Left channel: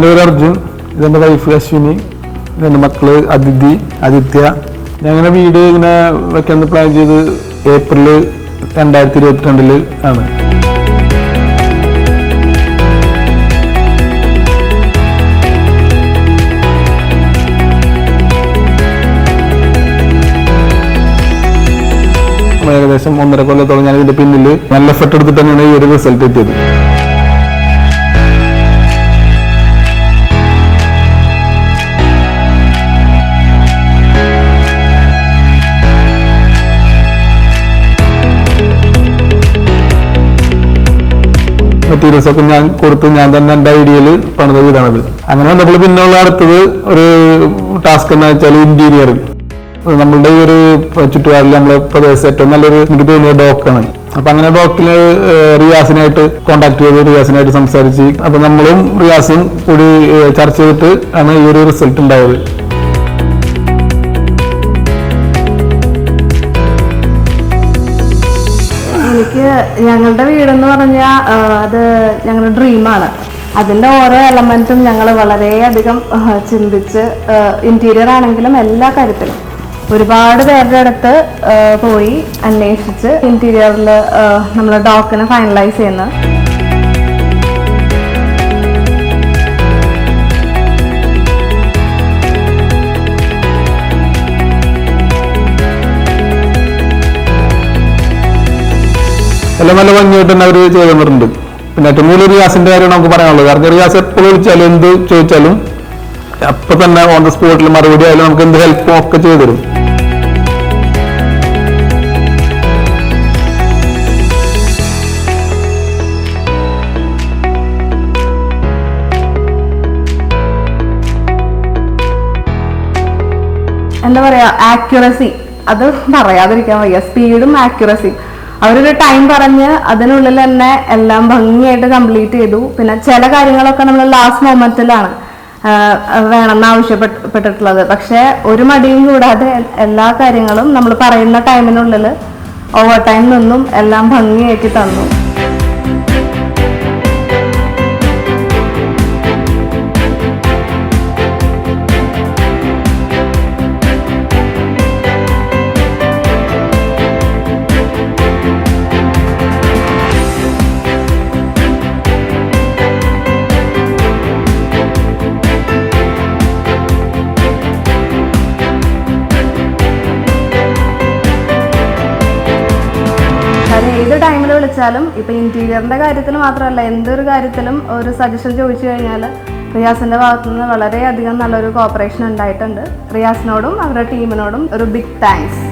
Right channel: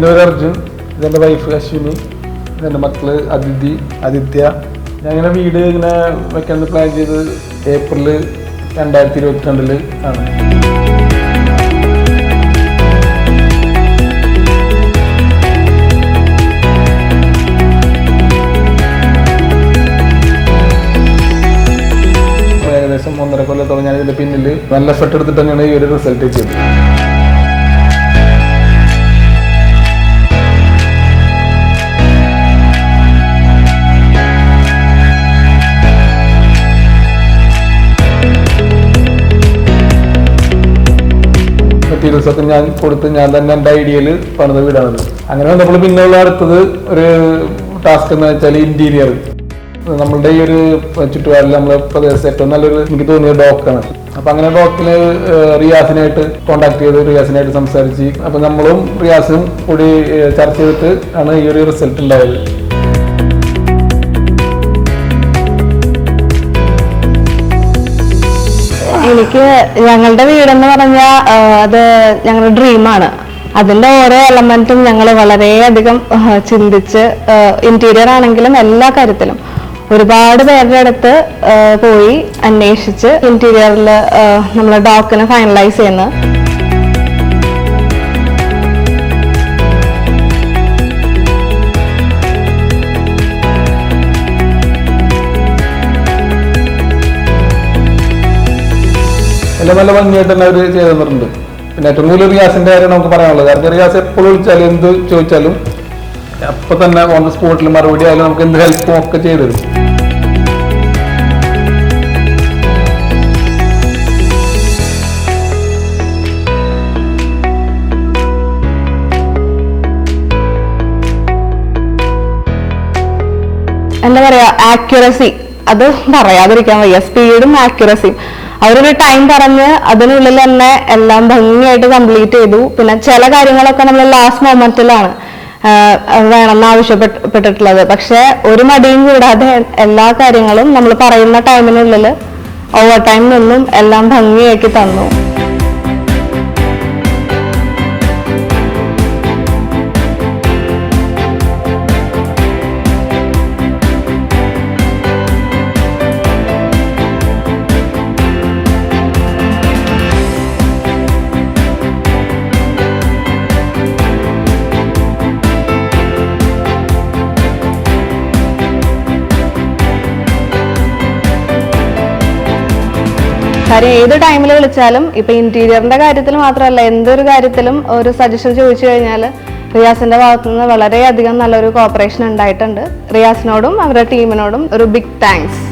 എൻ്റെ പേര് അർജുൻ, ഇതെൻ്റെ വൈഫ് അശ്വിനി, ഇതെൻ്റെ മക്കള് അതിഥി, ആദിത്യ. ഞങ്ങളുടെ വീട് ഇങ്ങനെ വെക്കാൻ പ്ലാൻ ചെയ്ത് ഏപ്രിൽ 2022 ആണ്. ഏകദേശം 1.5 കൊല്ലത്തോളം ഞാൻ ഇതിന്റെ പിന്നിൽ നല്ല എഫർട്ട് എടുത്തിട്ട് തന്നെയാണ് ഈ ഒരു റിസൾട്ട് എത്തിയത്. മെറ്റീരിയൽസ് ഒക്കെ ഞാൻ കൊടുത്ത് ഞാൻ തന്നെ എൻ്റെ ഐഡിയയിൽ പണിത വീടാണത്. അങ്ങനെ നമ്മൾ പിന്നെയുള്ള അടുത്തത് ഒരു ടാസ്ക് എന്ന് വെച്ചാൽ ഇന്റീരിയർ. നമ്മളുടെ ഈ ഒരു ചുറ്റുപാടിൽ നമ്മളെ പ്രദേശം ഏറ്റവും നല്ലൊരു എനിക്ക് തോന്നിയ ഡോക്കാണ്. അപ്പൊ അങ്ങനെ ഡോക്കില് റിയാസിനായിട്ട് കോണ്ടാക്ട് ചെയ്ത് റിയാസിനായിട്ട് സംസാരിച്ച് അപ്പൊ നമ്മളും റിയാസും കൂടി ചർച്ച ചെയ്തിട്ട് ആണ് ഈ ഒരു റിസൾട്ട് ഉണ്ടായത്. എനിക്ക് ഞങ്ങളുടെ വീടെന്ന് പറഞ്ഞാൽ അത് ഞങ്ങളുടെ ഡ്രീമാണ്. അതിന്റെ ഓരോ എലമെന്റും ഞങ്ങൾ വളരെയധികം ചിന്തിച്ച് ഇന്റീരിയർ ആണെങ്കിലും എല്ലാ കാര്യത്തിലും ഒരുപാട് പേരുടെ അടുത്ത് പോയി അന്വേഷിച്ച് ഇന്റീരിയറിൽ നമ്മൾ ഡോക്കിനെ ഫൈനലൈസ് ചെയ്യുന്നത്. എല്ലാം നല്ല ഭംഗിയായിട്ട് തന്നെ അവർ ചെയ്തു തന്നിട്ടുണ്ട്. പിന്നെ ഏറ്റവും കൂടുതൽ റിയാസിന്റെ കാര്യം നമുക്ക് പറയാനുള്ളത്. കാരണം റിയാസ് എപ്പോഴും വിളിച്ചാലും എന്ത് ചോദിച്ചാലും അപ്പൊ തന്നെ ഓൺ ദ സ്പോട്ടിൽ മറുപടി ആയാലും നമുക്ക് എന്ത് ഹെൽപ്പും ഒക്കെ ചെയ്തു തരും. എന്താ പറയാ, ആക്യുറസി അത് പറയാതിരിക്കാൻ വയ്യ. സ്പീഡും ആക്യുറസിയും അവരൊരു ടൈം പറഞ്ഞ് അതിനുള്ളിൽ തന്നെ എല്ലാം ഭംഗിയായിട്ട് കംപ്ലീറ്റ് ചെയ്തു. പിന്നെ ചില കാര്യങ്ങളൊക്കെ നമ്മൾ ലാസ്റ്റ് മൊമെന്റിലാണ് വേണമെന്ന് ആവശ്യപ്പെട്ടിട്ടുള്ളത്. പക്ഷെ ഒരു മടിയും കൂടാതെ എല്ലാ കാര്യങ്ങളും നമ്മൾ പറയുന്ന ടൈമിനുള്ളിൽ ഓവർ ടൈം നിന്നും എല്ലാം ഭംഗിയാക്കി തന്നു. ഏത് ടൈമിൽ വിളിച്ചാലും ഇപ്പൊ ഇന്റീരിയറിന്റെ കാര്യത്തിൽ മാത്രമല്ല എന്തൊരു കാര്യത്തിലും ഒരു സജഷൻ ചോദിച്ചു കഴിഞ്ഞാൽ റിയാസിന്റെ ഭാഗത്തുനിന്ന് വളരെയധികം നല്ലൊരു കോപ്പറേഷൻ ഉണ്ടായിട്ടുണ്ട്. റിയാസിനോടും അവരുടെ ടീമിനോടും ഒരു ബിഗ് താങ്ക്സ്.